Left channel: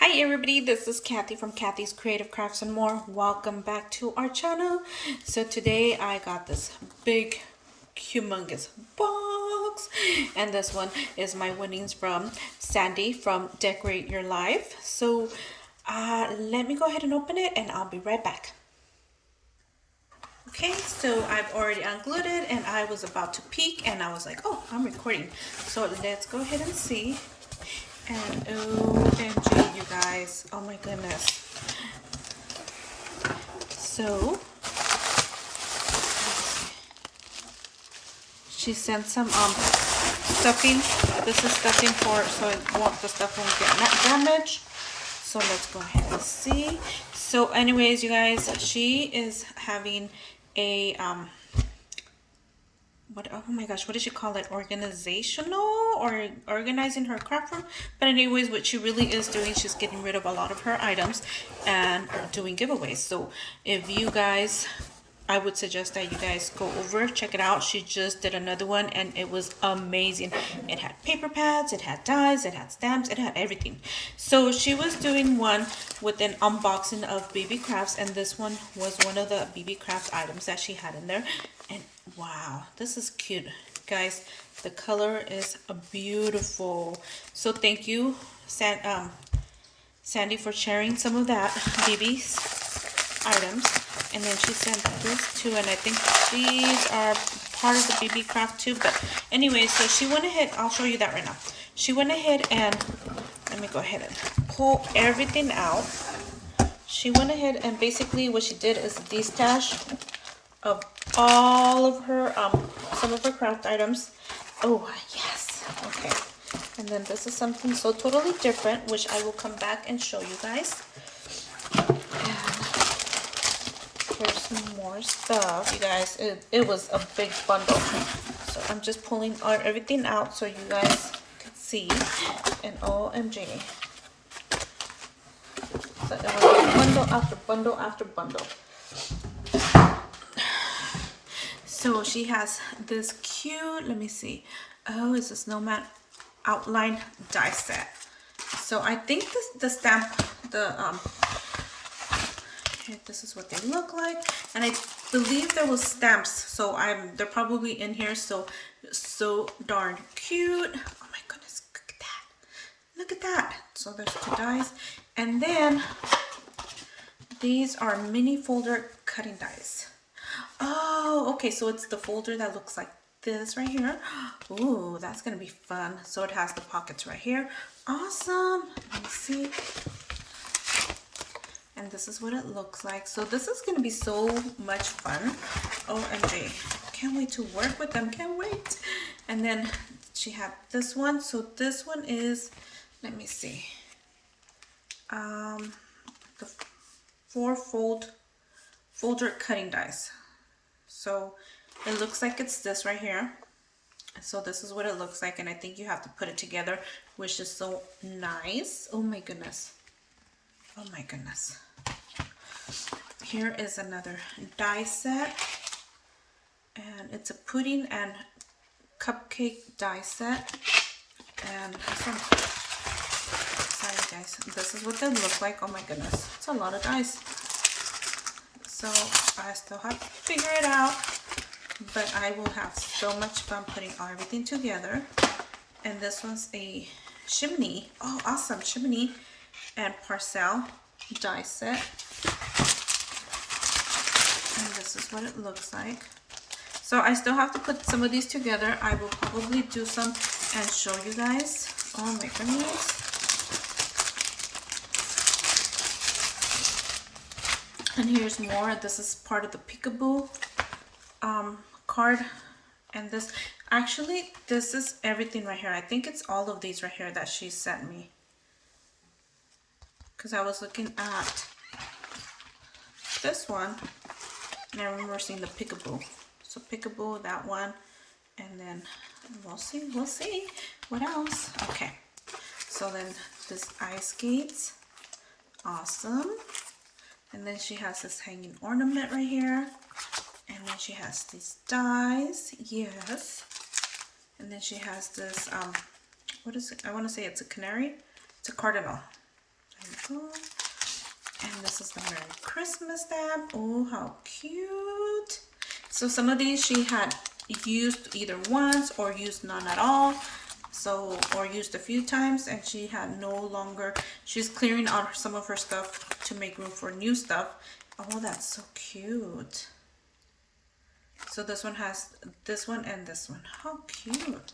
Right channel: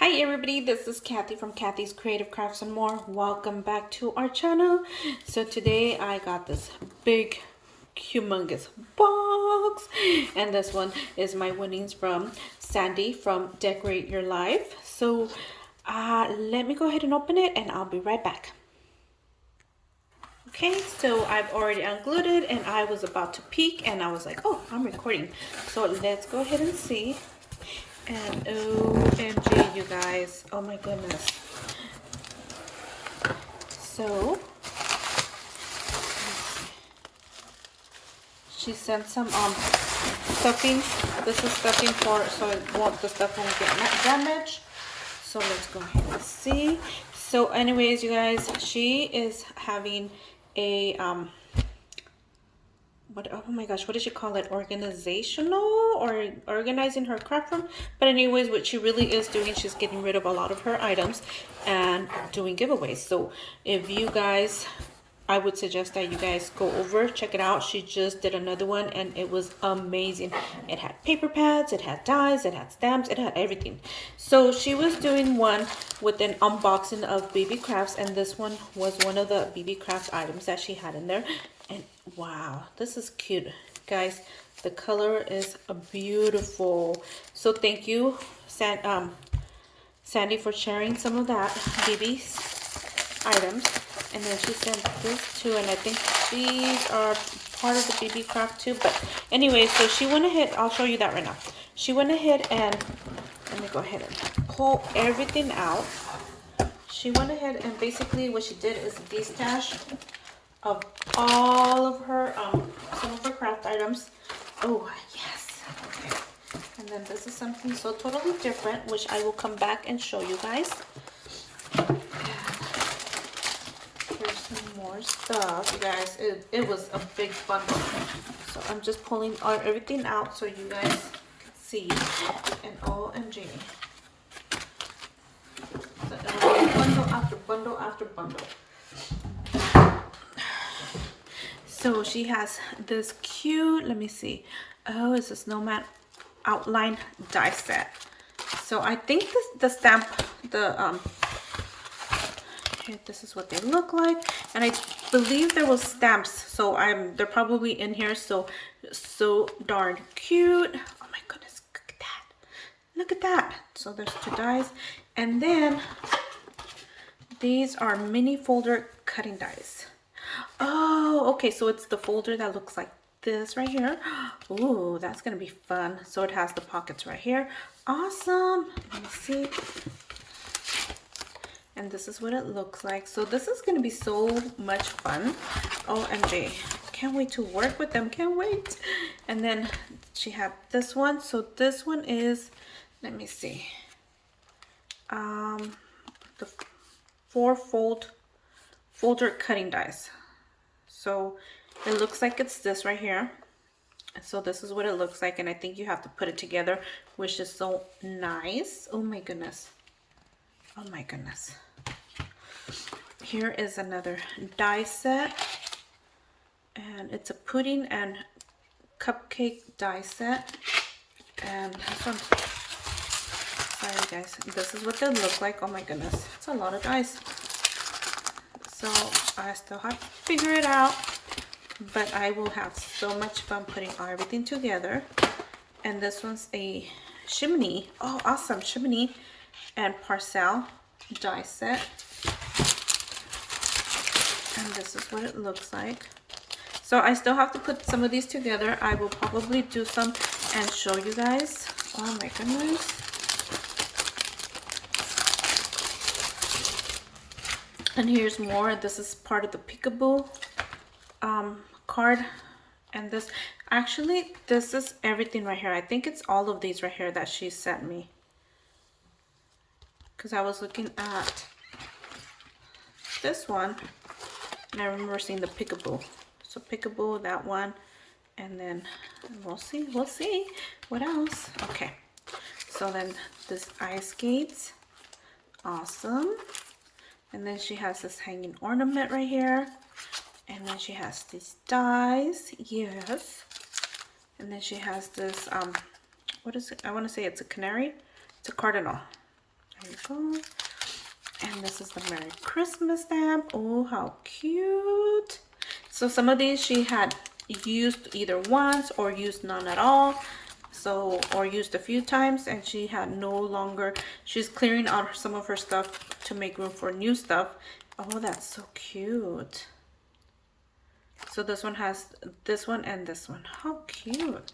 Hi everybody, this is Kathy from Kathy's Creative Crafts and More. Welcome back to our channel. So today I got this big humongous box, and this one is my winnings from Sandi from Decorate Your Life. So let me go ahead and open it and I'll be right back. Okay, so I've already unglued it and I was about to peek and I was like, oh, I'm recording. So let's go ahead and see. And OMG, you guys, oh my goodness. So she sent some stuffing. This is stuffing for so the stuff won't get damaged. So let's go ahead and see. So anyways, you guys, she is having a oh my gosh, what did she call it? Organizational or organizing her craft room. But anyways, what she really is doing, she's getting rid of a lot of her items and doing giveaways. So if you guys, I would suggest that you guys go over, check it out. She just did another one and it was amazing. It had paper pads, it had dies, it had stamps, it had everything. So she was doing one with an unboxing of BB crafts, and this one was one of the BB craft items that she had in there. And wow, this is cute, guys. The color is beautiful. So thank you, Sandi, for sharing some of that BB's items. And then she sent this too, and I think these are part of the BB craft too. But anyway, so she went ahead, I'll show you that right now. She went ahead and let me go ahead and pull everything out. She went ahead and basically what she did is destash of all of her some of her craft items. Oh yes, okay. And then this is something so totally different, which I will come back and show you guys. Here's some more stuff, you guys. It was a big bundle, so I'm just pulling everything out so you guys can see. And OMG, so it was bundle after bundle after bundle. So she has this cute, let me see, oh, it's a Snowman Outline Die Set. So I think the stamp, here, this is what they look like, and I believe there was stamps, so they're probably in here. So darn cute. Oh my goodness, look at that, look at that. So there's two dies, and then these are mini folder cutting dies. Oh, okay, so it's the folder that looks like this right here. Ooh, that's gonna be fun. So it has the pockets right here. Awesome. Let me see. And this is what it looks like. So this is gonna be so much fun. OMG, can't wait to work with them, can't wait. And then she had this one. So this one is, let me see, the 4-fold folder cutting dies. So it looks like it's this right here. So this is what it looks like, and I think you have to put it together, which is so nice. Oh my goodness, oh my goodness. Here is another die set, and it's a pudding and cupcake die set. And this one, sorry guys, this is what they look like. Oh my goodness, it's a lot of dice. So I still have to figure it out, but I will have so much fun putting everything together. And this one's a chimney. Oh, awesome, chimney and parcel die set. And this is what it looks like. So I still have to put some of these together. I will probably do some and show you guys. Oh my goodness. And here's more. This is part of the peekaboo card. And this, actually, this is everything right here. I think it's all of these right here that she sent me, because I was looking at this one and I remember seeing the peekaboo. So peekaboo, that one, and then we'll see what else. Okay, so then this ice skates, awesome. And then she has this hanging ornament right here. And then she has these dies, yes. And then she has this, what is it? I want to say it's a canary. It's a cardinal. we go. And this is the Merry Christmas stamp. Oh, how cute. So some of these she had used either once or used none at all. So, or used a few times, and she had no longer, she's clearing out some of her stuff to make room for new stuff. Oh, that's so cute. So this one has this one and this one. How cute.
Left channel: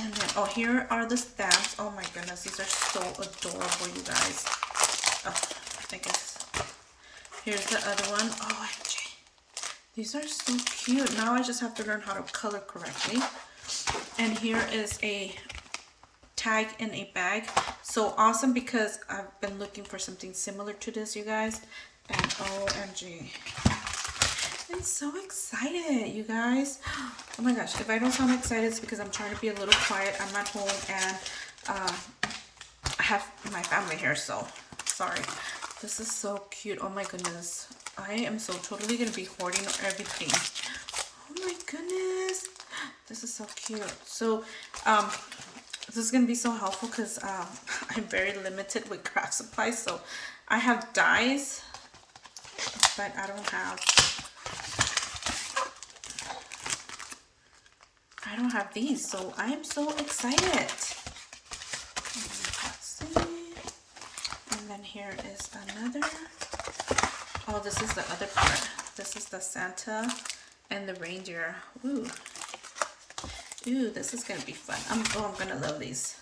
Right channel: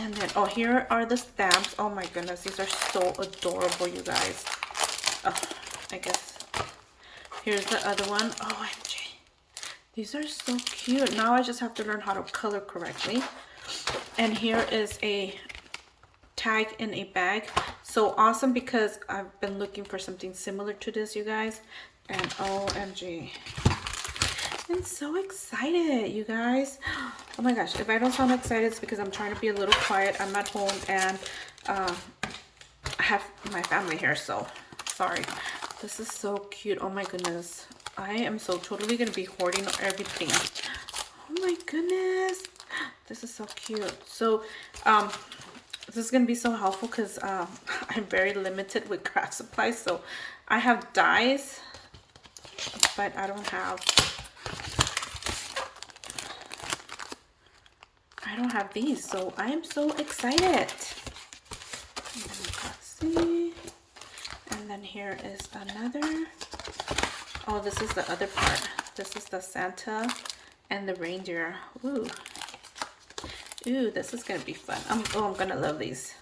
And then, oh, here are the stamps. Oh my goodness, these are so adorable, you guys. I guess here's the other one. OMG, these are so cute. Now I just have to learn how to color correctly. And here is a tag in a bag. So awesome, because I've been looking for something similar to this, you guys. And OMG, I'm so excited, you guys. Oh my gosh, if I don't sound excited, it's because I'm trying to be a little quiet. I'm at home and I have my family here, so sorry. This is so cute. Oh my goodness, I am so totally gonna be hoarding everything. Oh my goodness, this is so cute. So this is gonna be so helpful because I'm very limited with craft supplies. So I have dies, but I don't have these, so I am so excited. Let's see. And then here is another. Oh, this is the other part. This is the Santa and the reindeer. Ooh, this is gonna be fun. I'm gonna love these.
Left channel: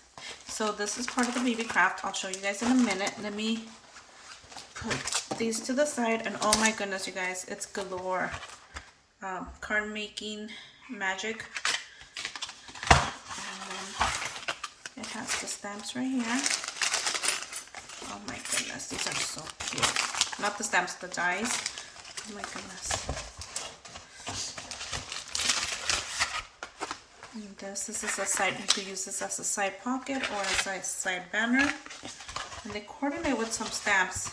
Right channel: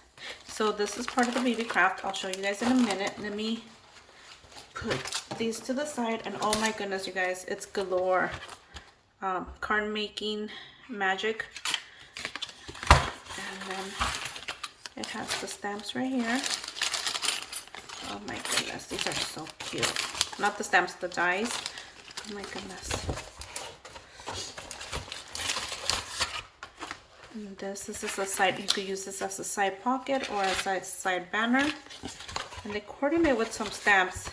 So this is part of the baby craft. I'll show you guys in a minute. Let me put these to the side, and oh my goodness, you guys, it's galore. Card making magic. And then it has the stamps right here. Oh my goodness, these are so cute. Not the stamps, the dies. Oh my goodness. And this is a side, you could use this as a side pocket or a side banner. And they coordinate with some stamps,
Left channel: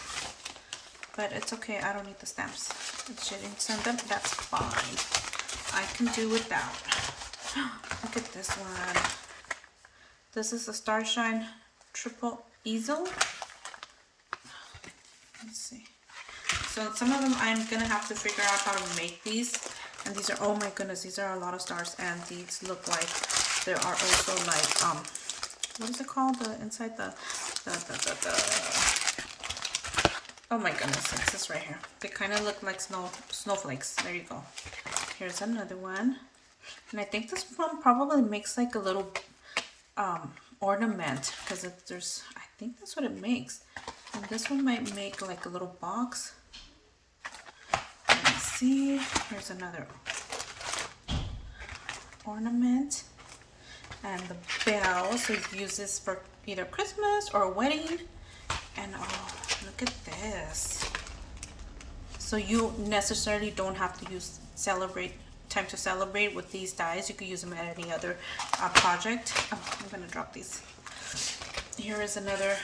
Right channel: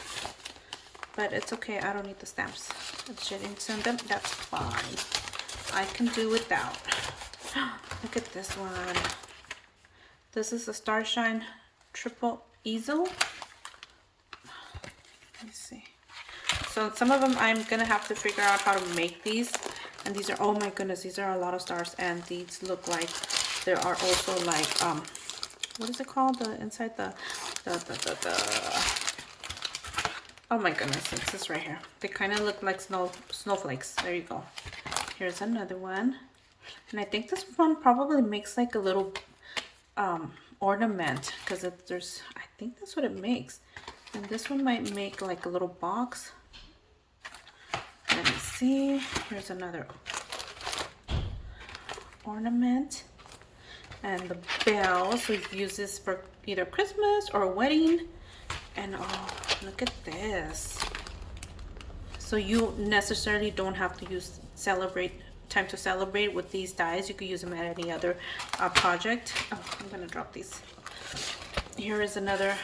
but it's okay, I don't need the stamps. If she didn't send them, that's fine. I can do without. Look at this one. This is a Starshine triple easel. Let's see. So some of them I'm gonna have to figure out how to make these. And these are, oh my goodness, these are a lot of stars, and these look like there are also like what is it called? The inside the oh my goodness, it's this right here. They kind of look like snowflakes. There you go. Here's another one. And I think this one probably makes like a little ornament, because there's, I think that's what it makes. And this one might make like a little box. Let me see. Here's another ornament. And the bell, so you use this for either Christmas or a wedding. And oh, look at this. So you necessarily don't have to use time to celebrate with these dies. You could use them at any other project. Oh, I'm gonna drop these. Here is another,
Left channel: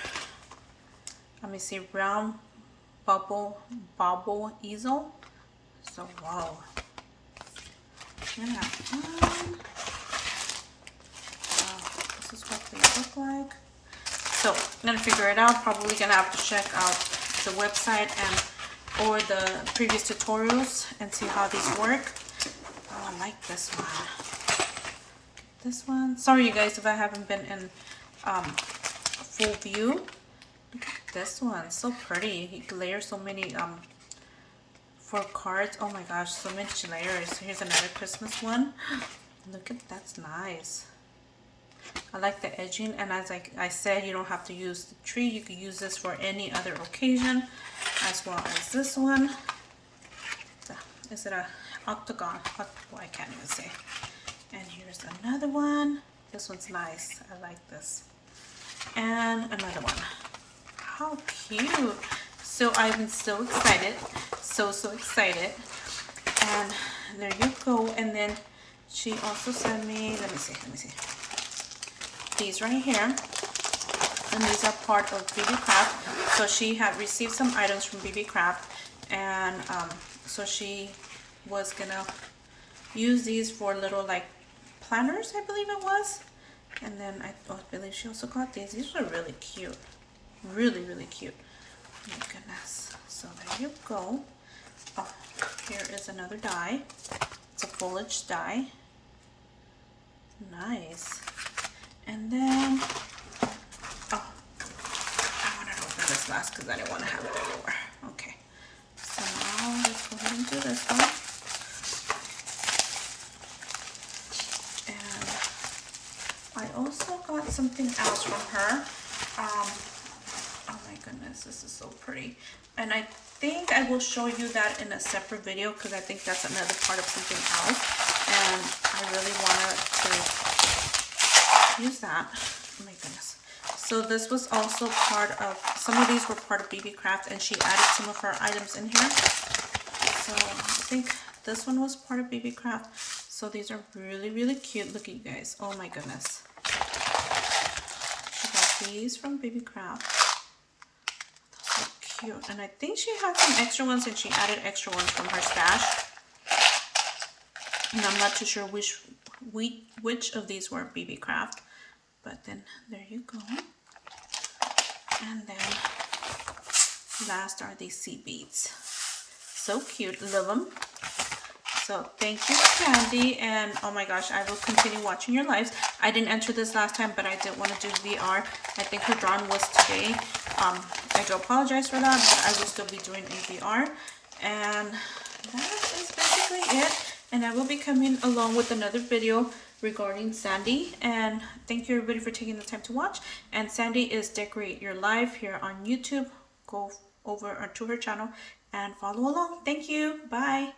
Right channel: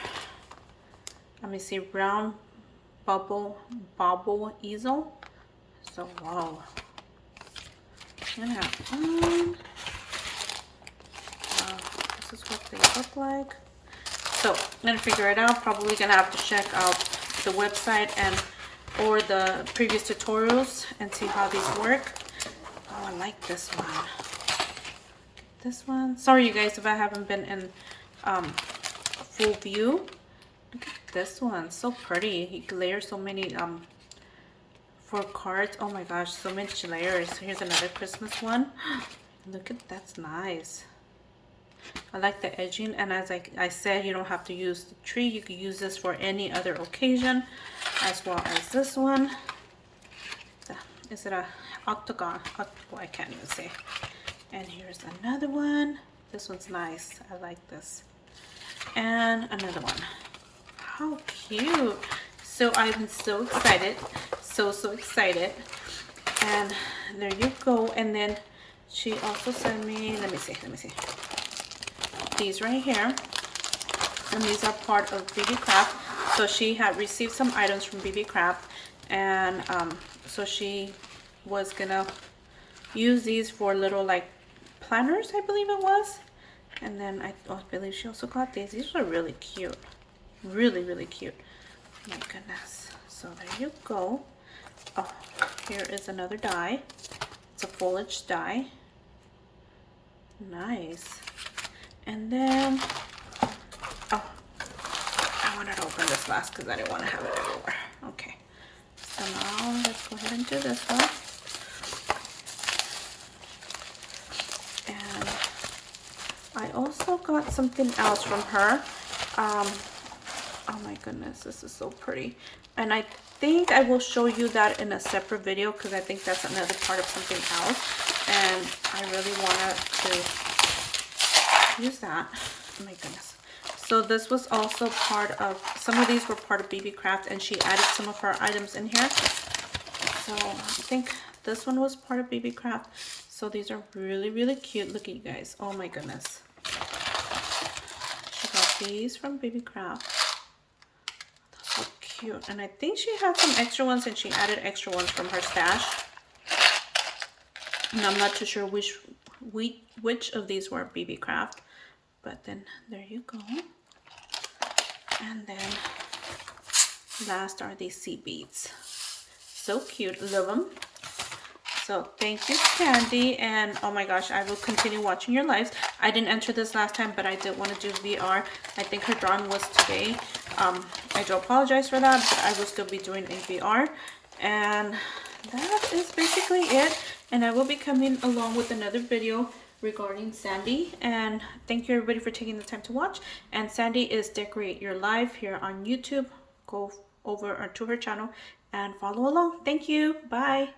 let me see, round bobble easel. So wow, I'm gonna have fun. This is what they look like. So I'm gonna figure it out. Probably gonna have to check out the website and or the previous tutorials and see how these work. Oh, I like this one. This one. Sorry you guys if I haven't been in full view. Look at this one, so pretty. He layers so many for cards. Oh my gosh, so many layers. Here's another Christmas one. Look at, that's nice. I like the edging, and as I said, you don't have to use the tree. You could use this for any other occasion, as well as this one. Is it a octagon? Oh, I can't even say. And here's another one. This one's nice. I like this. And another one. How cute. So I'm so excited. So excited. And there you go. And then she also sent me, let me see. These right here. And these are part of BB Craft. So she had received some items from BB Craft. And so she was gonna use these for little like planners, I believe it was. And then I believe she also got these. These are really cute. Really, really cute. My goodness. So there you go. Oh, here is another die. It's a foliage die. Nice. And then, oh, I wanted to open this last because I didn't want to have it everywhere. Okay. So now let's go ahead and do this one. And I also got something else from her. Oh my goodness, this is so pretty. And I think I will show you that in a separate video because I think that's another part of something else. And I really wanted to use that. Oh my goodness. So this was also part of, some of these were part of BB Craft, and she added some of her items in here. So I think this one was part of BB Craft. So these are really, really cute. Look at you guys. Oh my goodness. She got these from BB Craft. Those are cute. And I think she had some extra ones, and she added extra ones from her stash. And I'm not too sure which of these were BB Craft. But then there you go. And then last are these sea beads. So cute. Love them. So thank you, Sandi. And oh my gosh, I will continue watching your lives. I didn't enter this last time, but I did want to do VR. I think her drawing was today. I do apologize for that, but I will still be doing a VR. And that is basically it. And I will be coming along with another video regarding Sandi. And thank you everybody for taking the time to watch. And Sandi is Decorate Your Life here on YouTube. Go over to her channel and follow along. Thank you. Bye.